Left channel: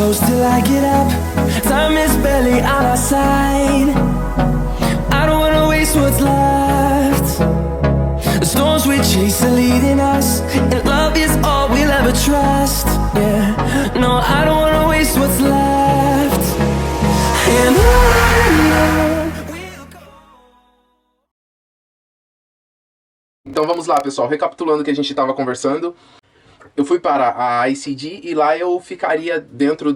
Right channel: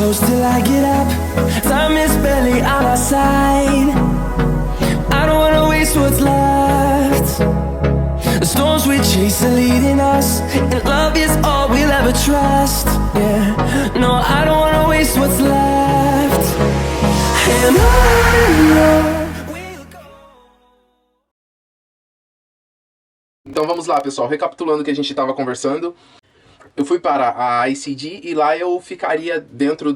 close till I get up. Time is barely on our side. I don't wanna waste what's left. The storms we chase are leading us, and love is all we'll ever trust. Yeah, no, I don't wanna waste what's left. And on. Então vamos lá, pessoal, recapitulando o que a gente estava conversando. Eu fui para a ICD e lá eu ficaria dentro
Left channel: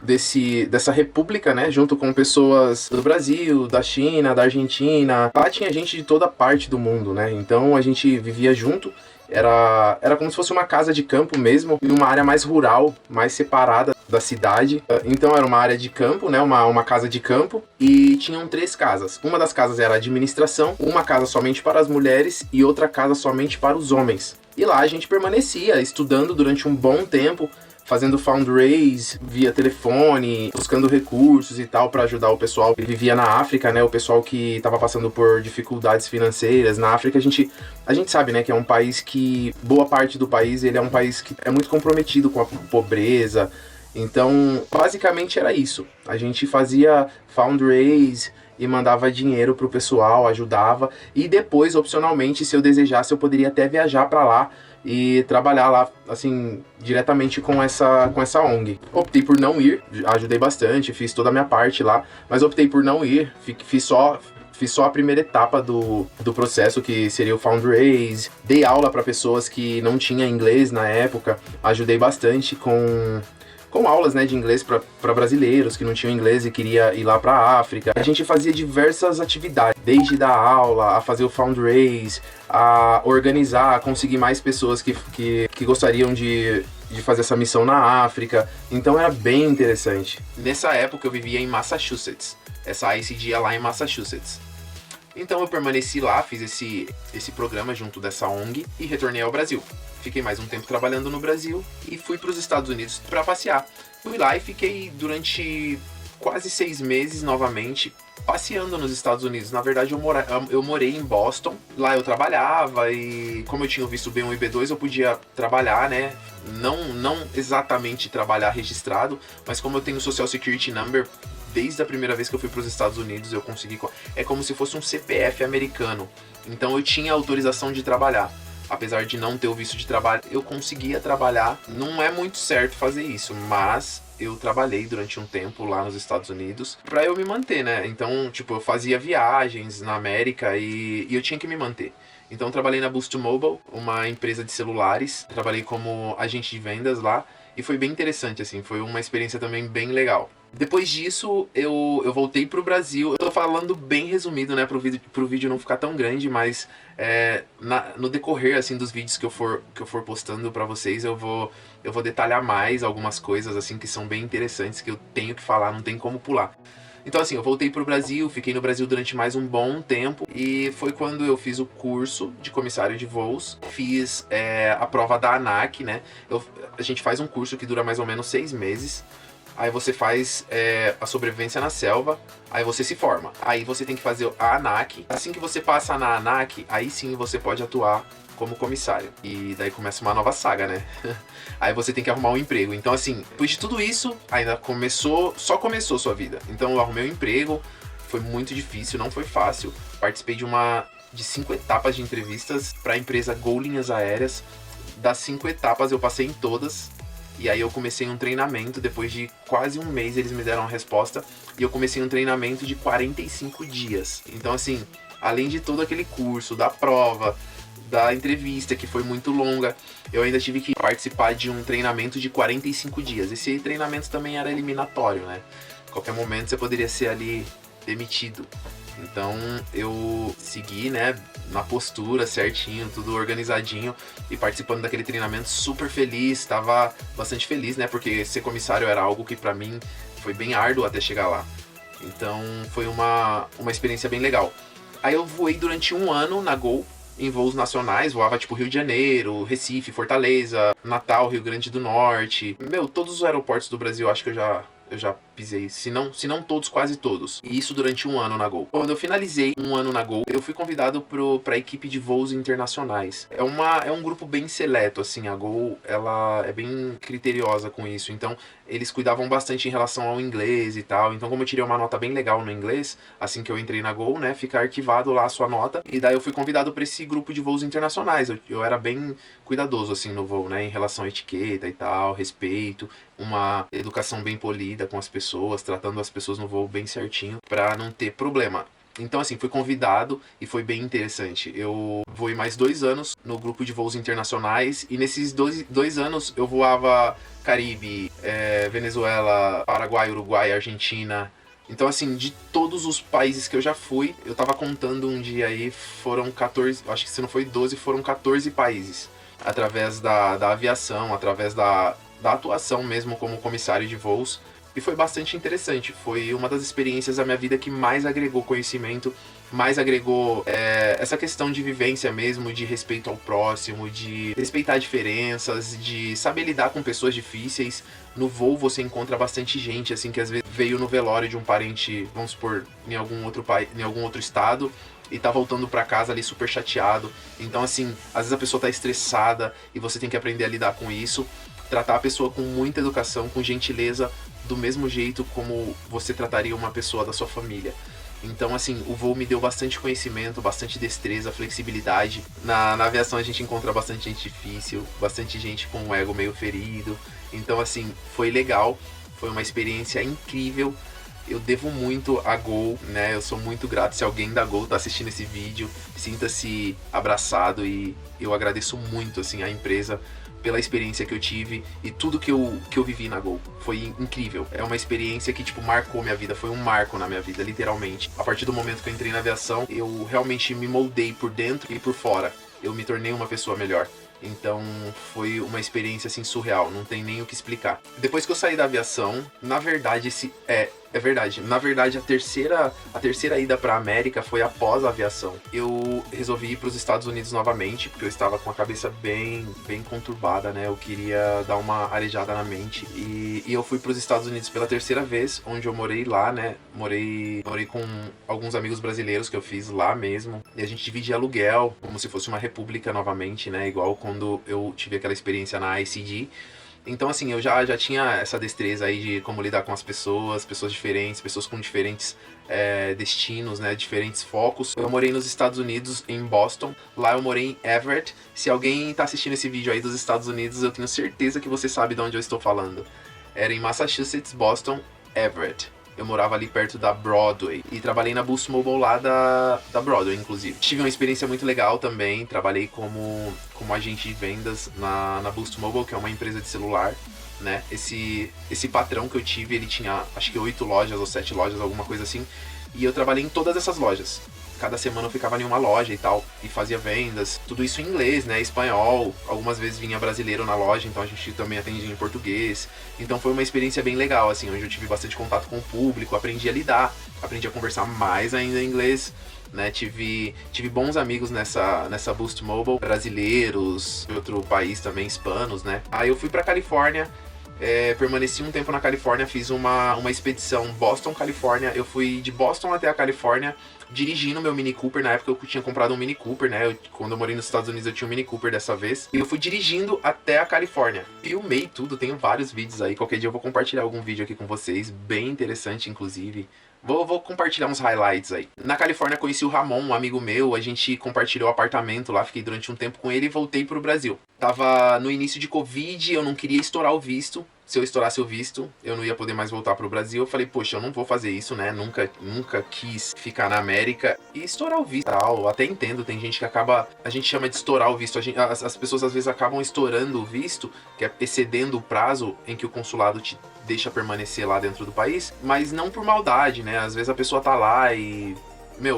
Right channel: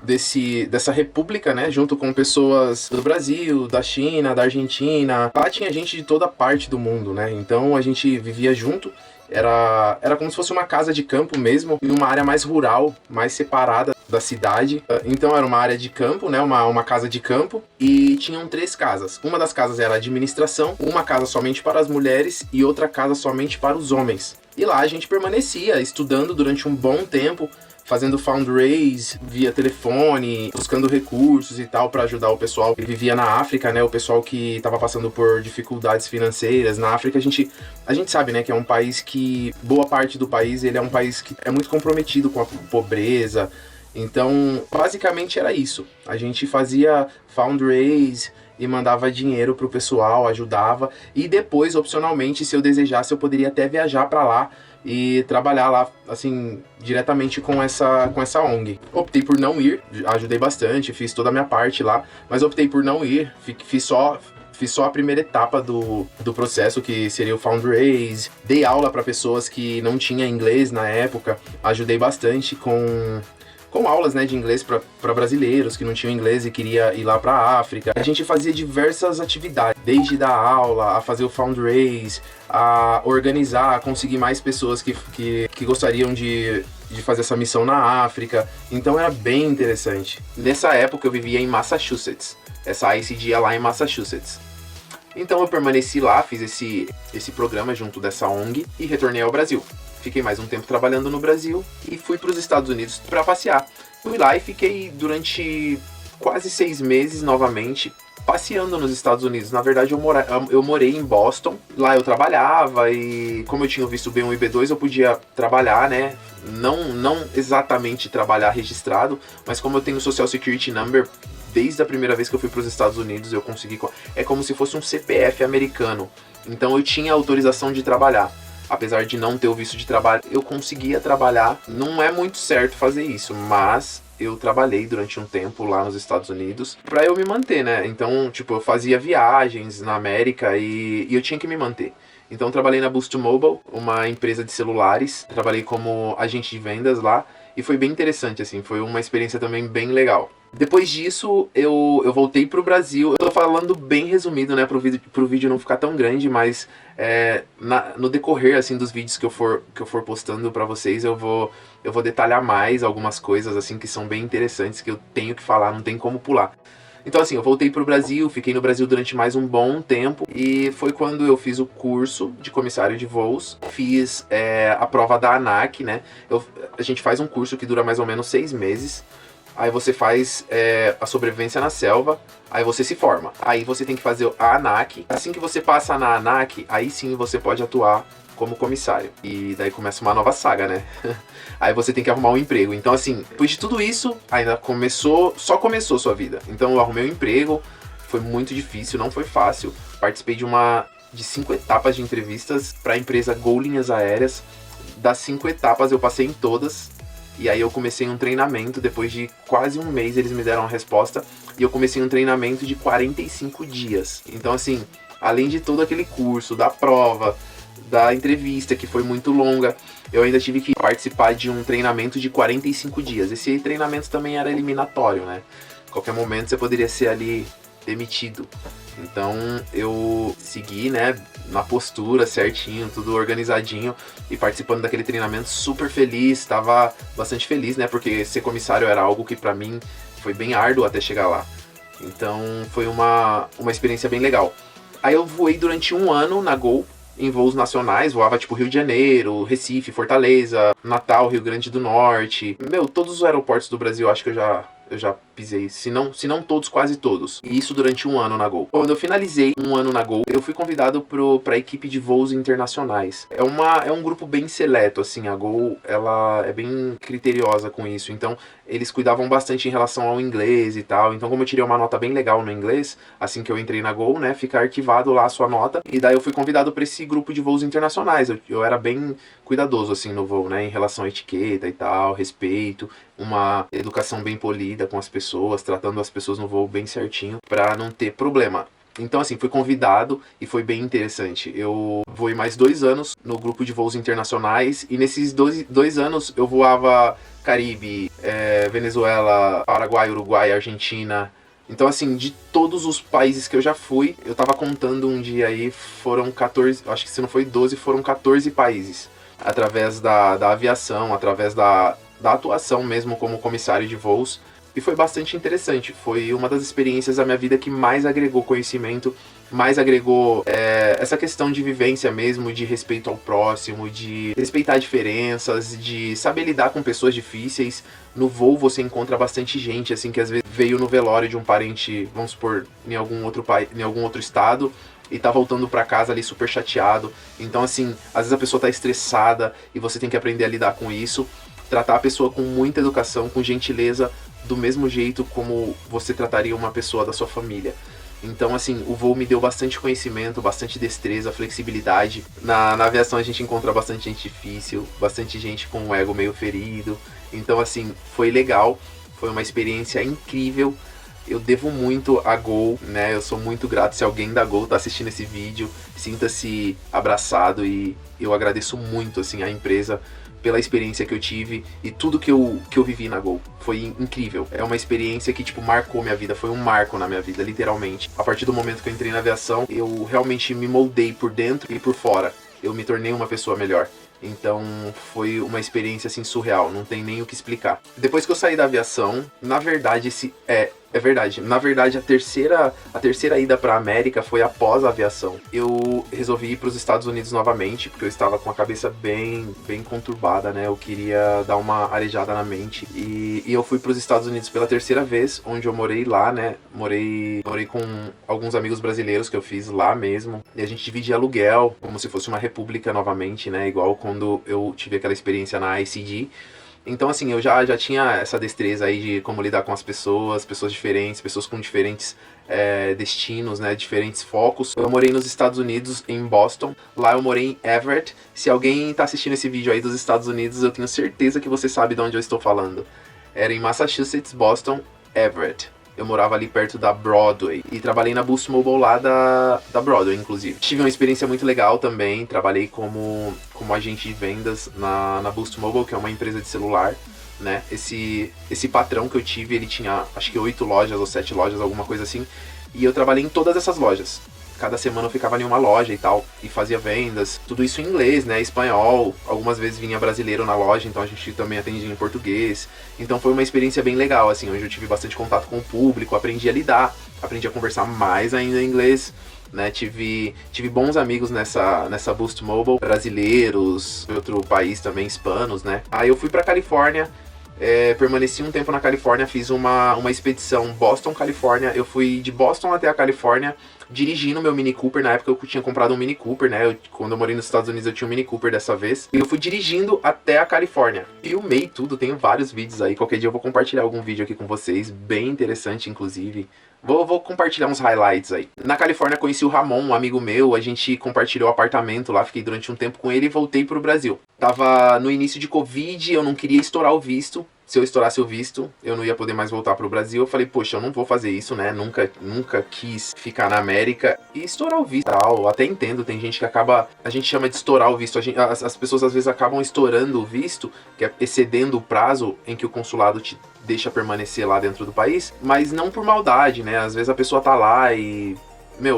dessa república, né, junto com pessoas do Brasil, da China, da Argentina. Lá tinha gente de toda parte do mundo, né, então a gente vivia junto. Era como se fosse uma casa de campo mesmo, em uma área mais rural, mais separada da cidade. Então era uma área de campo, né, uma casa de campo, e tinham 3 casas. Uma das casas era a administração, uma casa somente para as mulheres e outra casa somente para os homens. E lá a gente permanecia estudando durante um bom tempo, fazendo fundraise via telefone, buscando recursos e tal para ajudar o pessoal que vivia na África, né? O pessoal que estava passando por dificuldades financeiras. Na África a gente sabe, né, que é um país que, boa parte do país, ele é um país que é muito comprometido com a pobreza. Então, basicamente era isso. A gente fazia fundraise e mandava dinheiro pro pessoal, ajudava. E depois, opcionalmente, se eu desejasse, eu poderia até viajar para lá e trabalhar lá, assim, diretamente com essa ONG. Optei por não ir, ajudei bastante, fiz toda a minha parte lá, mas optei por não ir, fiz só a primeira etapa do processo, que seria o fundraise. Dei aula para pessoas que não tinham inglês na época, ajudei bastante com aulas, né, de inglês para brasileiros que não tinham inglês e queria ir lá para a África. A gente fazia diversas atividades, desde dar aula, a fazer o fundraise, a organizar, a conseguir mais pessoas que gostariam de fazer essa missão na África. Então era bem interessante. Nessa época eu vivia em Massachusetts. Essa ICD é lá em Massachusetts. Então eu permaneci lá, fiz esse programa junto dessa ONG e retornei ao Brasil. Fiquei mais um tempo trabalhando no Brasil e fui para os Estados Unidos para passear. Fui lá e fiquei durante quase 6 meses novamente passeando nos Estados Unidos. Na verdade, eu morei em Boston. Lá eu trabalhava e, como eu tinha o visto B1 e B2, eu podia trabalhar, né? Não exatamente trabalhar registrado, mas como eu tenho o Social Security Number, desde a primeira vez que eu fui para os Estados Unidos, eu consegui... É como se fosse um CPF americano. Então eu tinha autorização de trabalhar. Apesar de não ter o visto de trabalho, eu conseguia trabalhar. Não é muito certo fazer isso, mas eu trabalhei durante um tempo lá nos Estados Unidos pra eu me manter, né? Então, tipo, eu fazia viagens na América e eu tinha que me manter. Então, trabalhei na Boost Mobile, uma empresa de celulares. Trabalhei como agente de vendas lá e foi bem interessante, assim. Foi uma experiência também bem legal. Depois disso, eu voltei pro Brasil. Eu tô falando bem resumido, né, pro vídeo não ficar tão grande, mas no decorrer, assim, dos vídeos que eu for postando pra vocês, eu vou detalhar mais algumas coisas, assim, que são bem interessantes, que eu tenho que falar, não tem como pular. Então, assim, eu voltei pro Brasil, fiquei no Brasil durante mais um bom tempo, e foi quando eu fiz o curso de comissário de voos, fiz a prova da ANAC, né? A gente faz um curso que dura mais ou menos 6 meses, aí você faz a sobrevivência na selva, aí você se forma. Aí você tem que fazer a ANAC. Assim que você passa na ANAC, aí sim você pode atuar como comissário. E daí começa uma nova saga, né? Aí você tem que arrumar um emprego. Então, assim, depois de tudo isso, só começou sua vida. Então eu arrumei um emprego, foi muito difícil, não foi fácil. Participei de 5 etapas de entrevistas para a empresa Gol Linhas Aéreas. Das 5 etapas eu passei em todas. E aí eu comecei um treinamento, depois de quase um mês eles me deram a resposta, e eu comecei um treinamento de 45 dias. Então, assim, além de todo aquele curso, da prova, da entrevista, que foi muito longa, eu ainda tive que participar de um treinamento de 45 dias. Esse treinamento também era eliminatório, né? A qualquer momento você poderia ser ali demitido. Então eu segui, né, na postura certinho, tudo organizadinho e participando daquele treinamento super feliz, estava bastante feliz, né, porque ser comissário era algo que pra mim foi bem árduo até chegar lá. Então foi uma experiência bem legal. Aí eu voei durante 1 ano na Gol, em voos nacionais, voava tipo Rio de Janeiro, Recife, Fortaleza, Natal, Rio Grande do Norte. Todos os aeroportos do Brasil acho que eu já pisei, se não todos, quase todos. E isso durante um ano na Gol. Quando eu finalizei um ano na Gol, eu fui convidado para a equipe de voos internacionais. É um grupo bem seleto, assim, a Gol, ela é bem criteriosa com isso, então eles cuidavam bastante em relação ao inglês e tal. Então, como eu tirei uma nota bem legal no inglês, assim que eu entrei na Gol, né, fica arquivado lá a sua nota, e daí eu fui convidado para esse grupo de voos internacionais. Eu era bem cuidadoso, assim, no voo, né, em relação à etiqueta e tal, respeito, uma educação bem polida com as pessoas, tratando as pessoas no voo bem certinho, para não ter problema. Então, assim, fui convidado e foi bem interessante. Eu voei mais 2 anos no grupo de voos internacionais, e nesses dois anos eu voava Caribe, Venezuela, Paraguai, Uruguai, Argentina. Então, assim, de todos os países que eu já fui, eu tava contando um dia aí, foram 14, acho que se não foi 12, foram 14 países. Através da aviação, através da atuação mesmo como comissário de voos. E foi bastante interessante. Foi uma das experiências da minha vida que mais agregou conhecimento, mais agregou essa questão de vivência mesmo, de respeito ao próximo, de respeitar diferenças, de saber lidar com pessoas difíceis. No voo você encontra bastante gente, assim, que às vezes veio no velório de um parente, vamos supor, em algum outro estado, e tá voltando pra casa ali super chateado. Então, assim, às vezes a pessoa tá estressada e você tem que aprender a lidar com isso. Tratar a pessoa com muita educação, com gentileza, do mesmo jeito como você trataria uma pessoa da sua família. Então, assim, o voo me deu bastante conhecimento, bastante destreza, flexibilidade. Na aviação a gente encontra bastante gente difícil, bastante gente com um ego meio ferido. Então, assim, foi legal, foi uma experiência incrível. Eu devo muito a Gol, né? Eu sou muito grato. Se alguém da Gol tá assistindo esse vídeo, sinta-se abraçado, e eu agradeço muito, assim, a empresa pela experiência que eu tive e tudo que eu vivi na Gol. Foi incrível. É uma experiência que, tipo, marcou minha vida. Foi um marco na minha vida, literalmente. A partir do momento que eu entrei na aviação, eu realmente me moldei por dentro e por fora. Eu me tornei uma pessoa melhor. Então foi uma experiência assim surreal, não tem nem o que explicar. Depois que eu saí da aviação, na verdade, é verdade. Na verdade, a terceira ida para a América foi após a aviação. Eu resolvi ir para os Estados Unidos novamente, porque eu estava com a cabeça bem conturbada, né? Eu queria dar uma arejada na mente. E eu fui para os Estados Unidos pela terceira vez, onde eu morei lá, né? Morei com alguns amigos brasileiros que eu fiz lá mesmo. E a gente dividia aluguel, como se fosse uma república novamente, né? Igual quando eu tive aquela experiência na ICD. Então, assim, eu já tinha essa destreza aí de como lidar com as pessoas diferentes, pessoas com diferentes destinos, né, diferentes focos. Eu morei nos Estados Unidos, em Boston. Lá eu morei em Everett. Se alguém tá assistindo esse vídeo aí dos Estados Unidos, eu tenho certeza que você sabe de onde eu estou falando. Era em Massachusetts, Boston, Everett. Eu morava ali perto da Broadway e trabalhei na Boost Mobile lá da Broadway, inclusive. Tive uma experiência muito legal também. Trabalhei como agente de vendas na Boost Mobile, que é uma empresa de celular, né? Esse patrão que eu tive, ele tinha acho que 8 lojas ou 7 lojas, alguma coisa assim. E eu trabalhei em todas essas lojas. Cada semana eu ficava em uma loja e tal, e fazia vendas, tudo isso em inglês, né, espanhol, algumas vezes vinha brasileiro na loja, então a gente também atendia em português. Então foi uma experiência bem legal, assim, onde eu tive bastante contato com o público, aprendi a lidar, aprendi a conversar mais ainda em inglês, né, tive bons amigos nessa Boost Mobile, brasileiros, de outro país também, hispanos, né. Aí eu fui pra Califórnia, permaneci um tempo na Califórnia, fiz uma expedição Boston, Califórnia. Eu fui de Boston até a Califórnia dirigindo meu Mini Cooper. Na época eu tinha comprado um Mini Cooper, né? Quando eu morei nos Estados Unidos eu tinha um Mini Cooper dessa vez. E eu fui dirigindo até a Califórnia. Filmei tudo, tenho vários vídeos aí. Qualquer dia eu vou compartilhar algum vídeo aqui com vocês, bem interessante inclusive. Vou compartilhar uns highlights aí. Na Califórnia conheci o Ramon, um amigo meu, a gente compartilhou apartamento lá, fiquei durante um tempo com ele e voltei pro Brasil. Tava no início de Covid, eu não queria estourar o visto. Se eu estourasse o visto, eu não ia poder mais voltar pro Brasil. Eu falei, poxa, eu não vou fazer isso, né? Nunca quis ficar na América e estourar o visto. Eu até entendo, tem gente que acaba... A gente chama de estourar o visto. As pessoas às vezes acabam estourando o visto, que é excedendo o prazo em que o consulado te deixa permanecer lá dentro do país, mas não por maldade, né? Às vezes a pessoa tá lá e...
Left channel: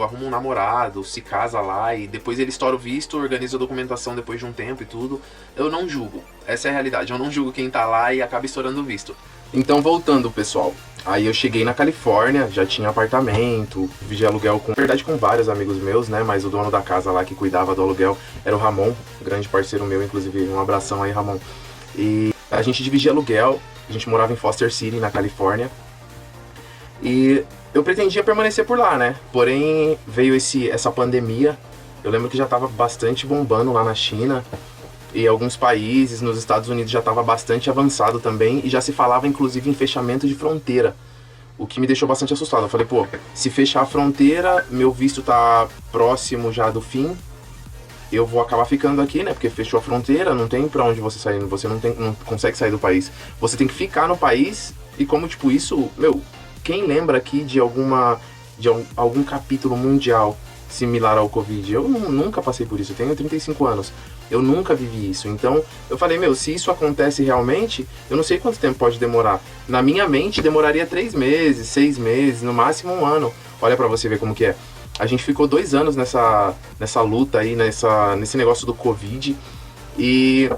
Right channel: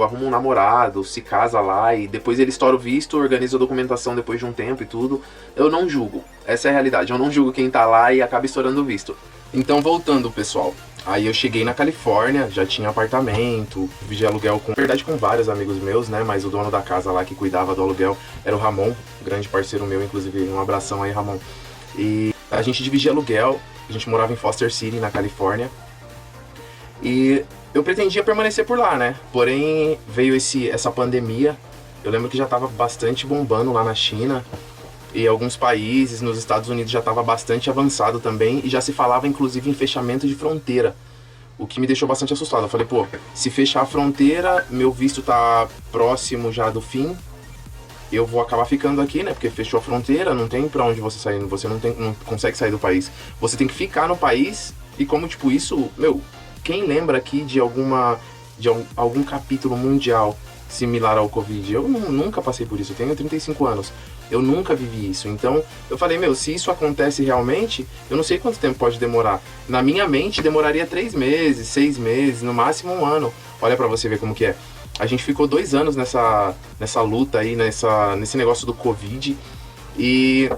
arruma um namorado, se casa lá e depois ele estoura o visto, organiza a documentação depois de um tempo e tudo. Eu não julgo, essa é a realidade, eu não julgo quem tá lá e acaba estourando o visto. Então, voltando, pessoal, aí eu cheguei na Califórnia, já tinha apartamento, dividi aluguel na verdade com vários amigos meus, né, mas o dono da casa lá que cuidava do aluguel era o Ramon, grande parceiro meu, inclusive, um abração aí, Ramon. E a gente dividia aluguel, a gente morava em Foster City, na Califórnia. E eu pretendia permanecer por lá, né? Porém, veio essa pandemia. Eu lembro que já estava bastante bombando lá na China. E alguns países, nos Estados Unidos, já estava bastante avançado também. E já se falava, inclusive, em fechamento de fronteira. O que me deixou bastante assustado. Eu falei, pô, se fechar a fronteira, meu visto tá próximo já do fim. Eu vou acabar ficando aqui, né? Porque fechou a fronteira, não tem pra onde você sair. Você não consegue sair do país. Você tem que ficar no país. E como, tipo, isso... Meu, quem lembra aqui de algum capítulo mundial similar ao Covid? Eu nunca passei por isso. Eu tenho 35 anos. Eu nunca vivi isso. Então, eu falei, meu, se isso acontece realmente, eu não sei quanto tempo pode demorar. Na minha mente, demoraria 3 meses, 6 meses, no máximo 1 ano. Olha pra você ver como que é. A gente ficou 2 anos nessa luta aí, nesse negócio do Covid. E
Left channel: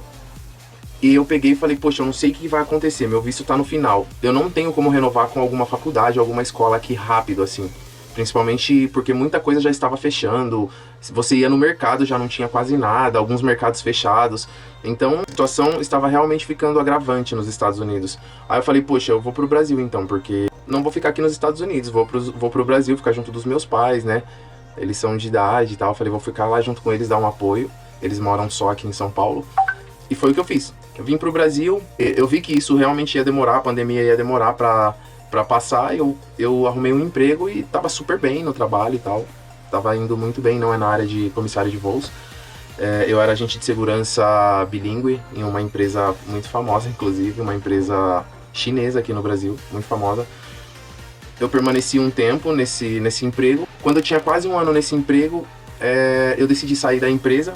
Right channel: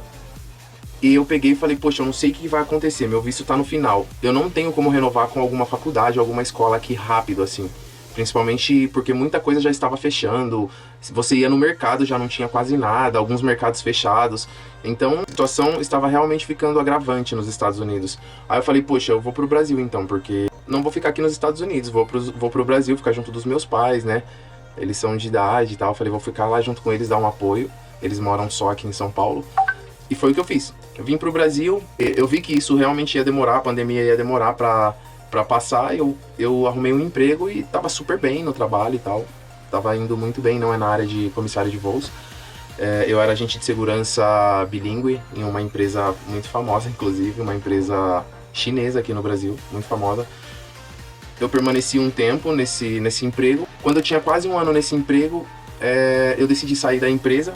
eu peguei e falei, poxa, eu não sei o que vai acontecer. Meu visto tá no final. Eu não tenho como renovar com alguma faculdade, alguma escola aqui rápido, assim. Principalmente porque muita coisa já estava fechando. Se você ia no mercado, já não tinha quase nada. Alguns mercados fechados. Então, a situação estava realmente ficando agravante nos Estados Unidos. Aí eu falei, poxa, eu vou pro Brasil então, porque não vou ficar aqui nos Estados Unidos. Vou pro Brasil, ficar junto dos meus pais, né? Eles são de idade e tal. Eu falei, vou ficar lá junto com eles, dar um apoio. Eles moram só aqui em São Paulo. E foi o que eu fiz. Eu vim pro Brasil, eu vi que isso realmente ia demorar, a pandemia ia demorar pra passar. Eu arrumei um emprego e tava super bem no trabalho e tal. Tava indo muito bem, não é na área de comissário de voos. Eu era agente de segurança bilíngue em uma empresa muito famosa, inclusive, uma empresa chinesa aqui no Brasil, muito famosa. Eu permaneci um tempo nesse emprego. Quando eu tinha quase 1 ano nesse emprego, eu decidi sair da empresa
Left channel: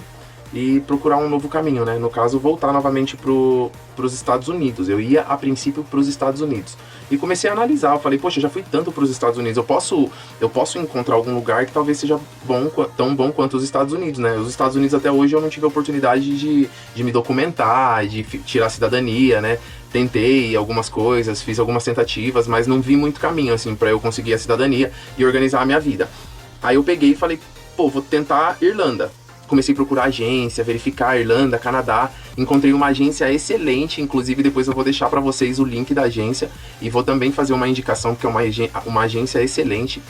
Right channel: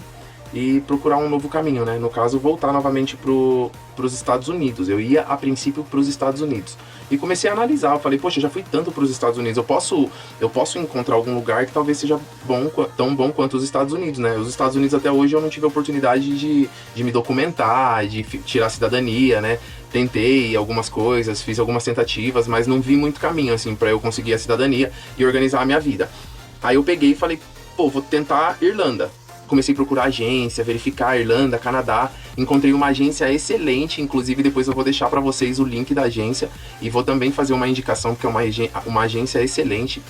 e procurar um novo caminho, né? No caso, voltar novamente pros Estados Unidos. Eu ia, a princípio, pros Estados Unidos. E comecei a analisar, eu falei, poxa, eu já fui tanto pros Estados Unidos, eu posso encontrar algum lugar que talvez seja tão bom quanto os Estados Unidos, né? Os Estados Unidos até hoje eu não tive a oportunidade de me documentar, de tirar a cidadania, né? Tentei algumas coisas, fiz algumas tentativas, mas não vi muito caminho, assim, pra eu conseguir a cidadania e organizar a minha vida. Aí eu peguei e falei, pô, vou tentar Irlanda. Comecei a procurar agência, verificar Irlanda, Canadá. Encontrei uma agência excelente, inclusive depois eu vou deixar para vocês o link da agência e vou também fazer uma indicação porque é uma agência excelente.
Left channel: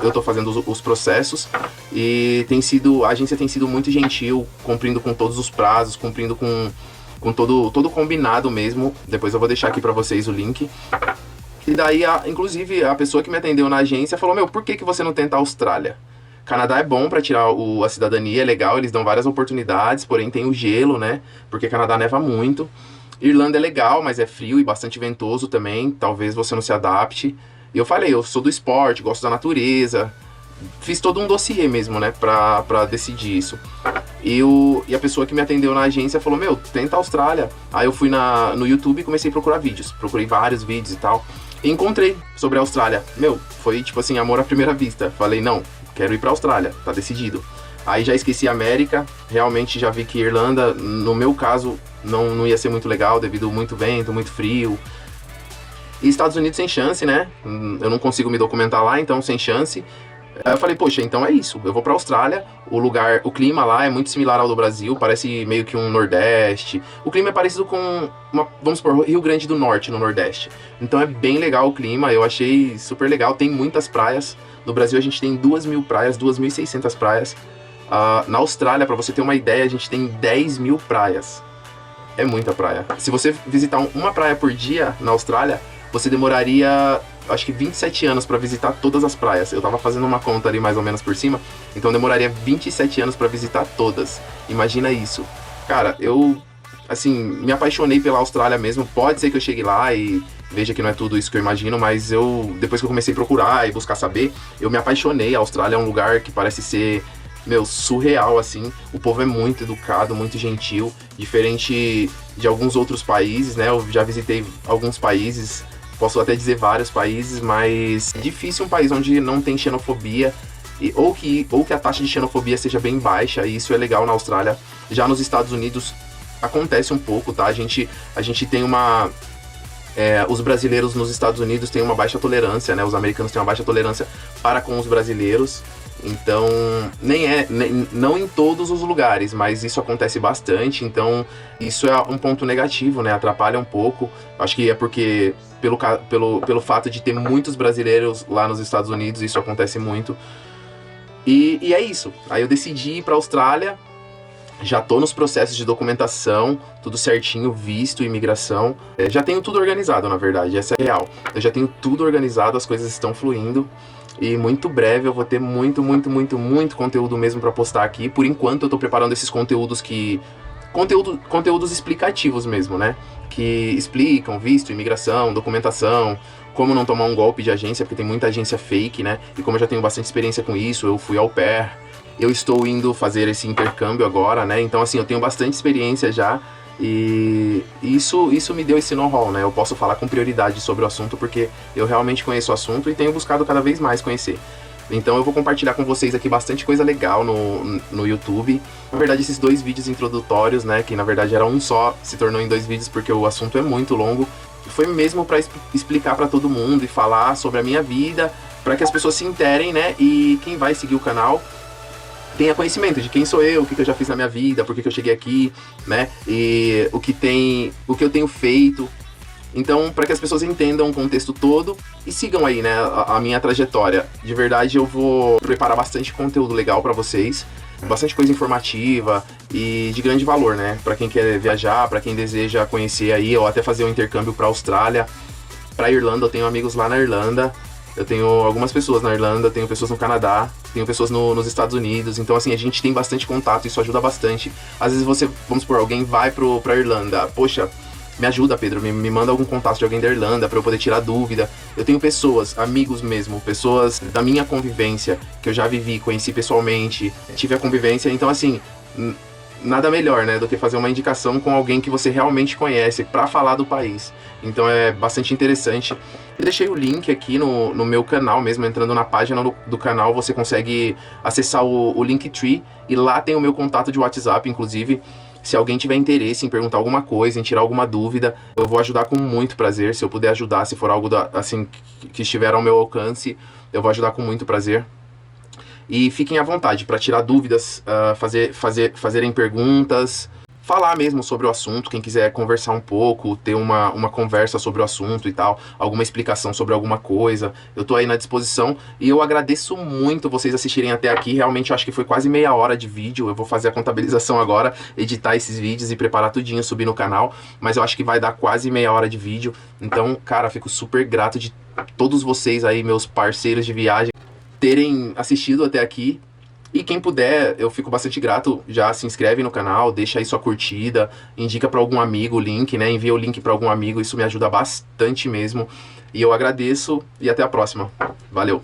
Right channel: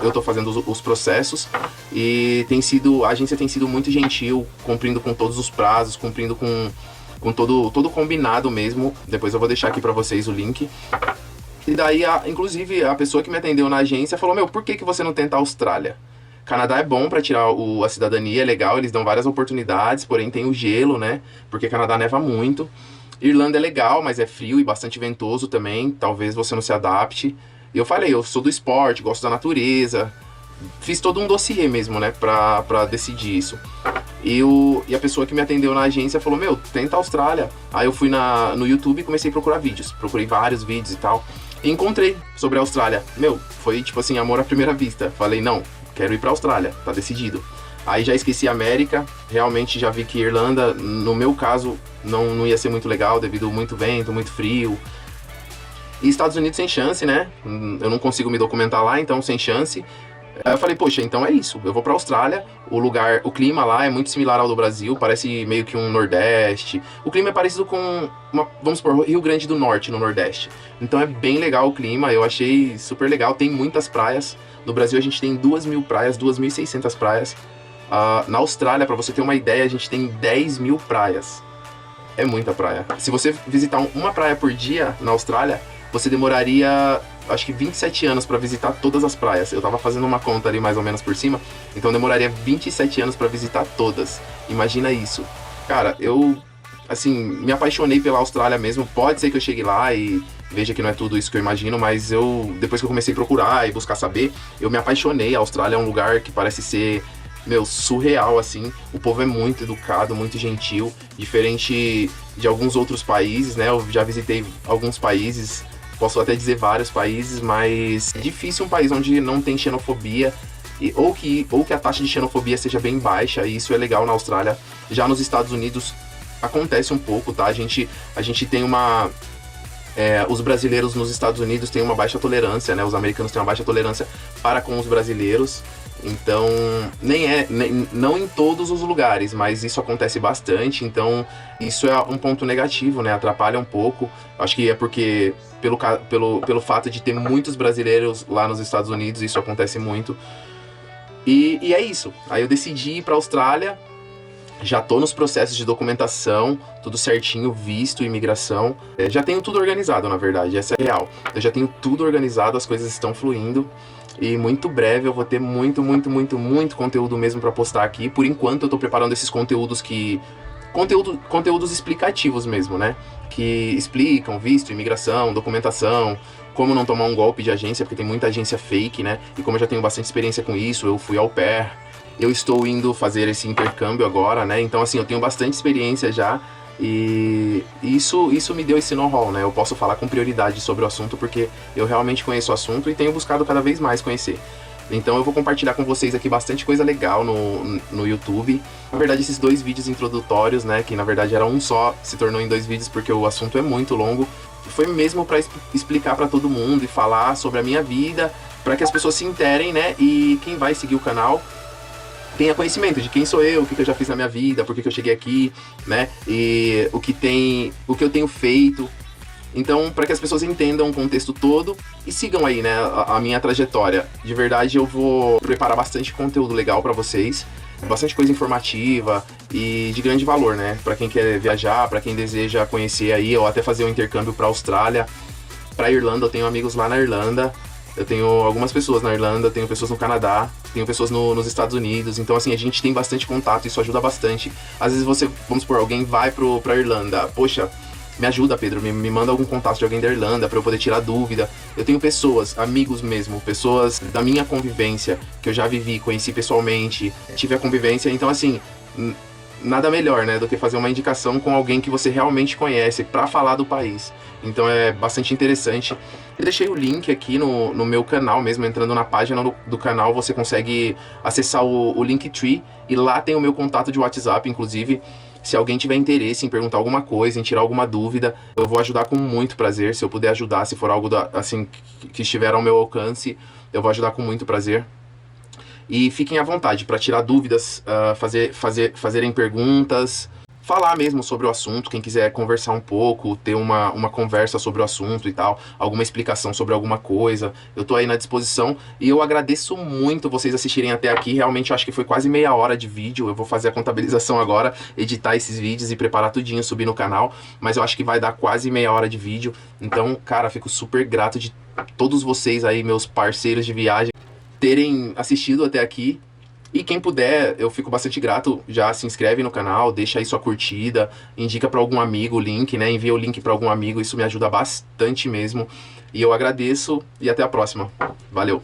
Eu tô fazendo os processos e a agência tem sido muito gentil, cumprindo com todos os prazos, cumprindo com todo combinado mesmo. Depois eu vou deixar aqui para vocês o link. E daí, inclusive, a pessoa que me atendeu na agência falou, meu, por que você não tenta a Austrália? Canadá é bom para tirar a cidadania, é legal, eles dão várias oportunidades, porém tem o gelo, né? Porque Canadá neva muito. Irlanda é legal, mas é frio e bastante ventoso também, talvez você não se adapte. E eu falei, eu sou do esporte, gosto da natureza. Fiz todo um dossiê mesmo, né, pra decidir isso. E a pessoa que me atendeu na agência falou, meu, tenta a Austrália. Aí eu fui no YouTube e comecei a procurar vídeos. Procurei vários vídeos e tal. E encontrei sobre a Austrália. Meu, foi tipo assim, amor à primeira vista. Falei, não, quero ir pra Austrália, tá decidido. Aí já esqueci a América, realmente já vi que Irlanda, no meu caso, não ia ser muito legal, devido muito vento, muito frio. E Estados Unidos sem chance, né? Eu não consigo me documentar lá, então sem chance. Aí eu falei, poxa, então é isso, eu vou pra Austrália, o clima lá é muito similar ao do Brasil, parece meio que um Nordeste. O clima é parecido com, vamos supor, Rio Grande do Norte, no Nordeste. Então é bem legal o clima, eu achei super legal, tem muitas praias. No Brasil a gente tem 2.000 praias, 2.600 praias. Na Austrália, pra você ter uma ideia, a gente tem 10.000 praias. É muita praia. Se você visitar uma praia por dia na Austrália, você demoraria, acho que 27 anos pra visitar todas as praias. Eu tava fazendo uma conta ali mais ou menos por cima, então demoraria 27 anos pra visitar todas. Imagina isso. Cara, eu, assim, me apaixonei pela Austrália mesmo. Pode ser que eu chegue lá e veja que não é tudo isso que eu imagino, mas depois que eu comecei a procurar e buscar saber, eu me apaixonei. A Austrália é um lugar que parece ser, meu, surreal, assim. O povo é muito educado, muito gentil, diferente de alguns outros países, né? Eu já visitei alguns países, posso até dizer vários países, mas é difícil um país onde não tem xenofobia, ou que a taxa de xenofobia seja bem baixa, e isso é legal na Austrália. Já nos Estados Unidos acontece um pouco, tá? A gente tem os brasileiros nos Estados Unidos têm uma baixa tolerância, né? Os americanos têm uma baixa tolerância para com os brasileiros. Então, não em todos os lugares, mas isso acontece bastante. Então, isso é um ponto negativo, né? Atrapalha um pouco. Acho que é porque, pelo fato de ter muitos brasileiros lá nos Estados Unidos, isso acontece muito. E é isso. Aí eu decidi ir para a Austrália. Já tô nos processos de documentação, tudo certinho, visto, imigração. Já tenho tudo organizado, na verdade, essa é real. Eu já tenho tudo organizado, as coisas estão fluindo. E muito breve eu vou ter muito conteúdo mesmo para postar aqui. Por enquanto eu tô preparando esses conteúdos conteúdos explicativos mesmo, né? Que explicam visto, imigração, documentação, como não tomar um golpe de agência, porque tem muita agência fake, né? E como eu já tenho bastante experiência com isso, eu fui au pair. Eu estou indo fazer esse intercâmbio agora, né? Então, assim, eu tenho bastante experiência já. E isso me deu esse know-how, né? Eu posso falar com prioridade sobre o assunto porque eu realmente conheço o assunto e tenho buscado cada vez mais conhecer. Então eu vou compartilhar com vocês aqui bastante coisa legal no YouTube. Na verdade, esses 2 vídeos introdutórios, né? Que na verdade era um só, se tornou em 2 vídeos porque o assunto é muito longo. Foi mesmo para explicar para todo mundo e falar sobre a minha vida, para que as pessoas se interem, né? E quem vai seguir o canal tenha conhecimento de quem sou eu, o que eu já fiz na minha vida, por que eu cheguei aqui, né? E o que eu tenho feito. Então, para que as pessoas entendam o contexto todo e sigam aí, né, a minha trajetória. De verdade, eu vou preparar bastante conteúdo legal para vocês, bastante coisa informativa e de grande valor, né? Para quem quer viajar, para quem deseja conhecer aí, ou até fazer um intercâmbio para Austrália, para Irlanda. Eu tenho amigos lá na Irlanda. Eu tenho algumas pessoas na Irlanda, tenho pessoas no Canadá, tenho pessoas nos Estados Unidos. Então, assim, a gente tem bastante contato, isso ajuda bastante. Às vezes você, vamos supor, alguém vai pra Irlanda. Poxa, me ajuda, Pedro, me manda algum contato de alguém da Irlanda pra eu poder tirar dúvida. Eu tenho pessoas, amigos mesmo, pessoas da minha convivência, que eu já vivi, conheci pessoalmente, tive a convivência. Então, assim, nada melhor, né, do que fazer uma indicação com alguém que você realmente conhece pra falar do país. Então é bastante interessante. Eu deixei o link aqui no meu canal mesmo, entrando na página do canal, você consegue acessar o Linktree, e lá tem o meu contato de WhatsApp, inclusive. Se alguém tiver interesse em perguntar alguma coisa, em tirar alguma dúvida, eu vou ajudar com muito prazer. Se eu puder ajudar, se for algo assim que estiver ao meu alcance, eu vou ajudar com muito prazer. E fiquem à vontade para tirar dúvidas, fazerem perguntas, falar mesmo sobre o assunto. Quem quiser conversar um pouco, ter uma conversa sobre o assunto e tal, alguma explicação sobre alguma coisa, eu tô aí na disposição. E eu agradeço muito vocês assistirem até aqui. Realmente acho que foi quase meia hora de vídeo. Eu vou fazer a contabilização agora, editar esses vídeos e preparar tudinho, subir no canal, mas eu acho que vai dar quase meia hora de vídeo. Então, cara, fico super grato de todos vocês aí, meus parceiros de viagem, terem assistido até aqui. E quem puder, eu fico bastante grato, já se inscreve no canal, deixa aí sua curtida, indica para algum amigo o link, né? Envia o link para algum amigo, isso me ajuda bastante mesmo. E eu agradeço e até a próxima. Valeu!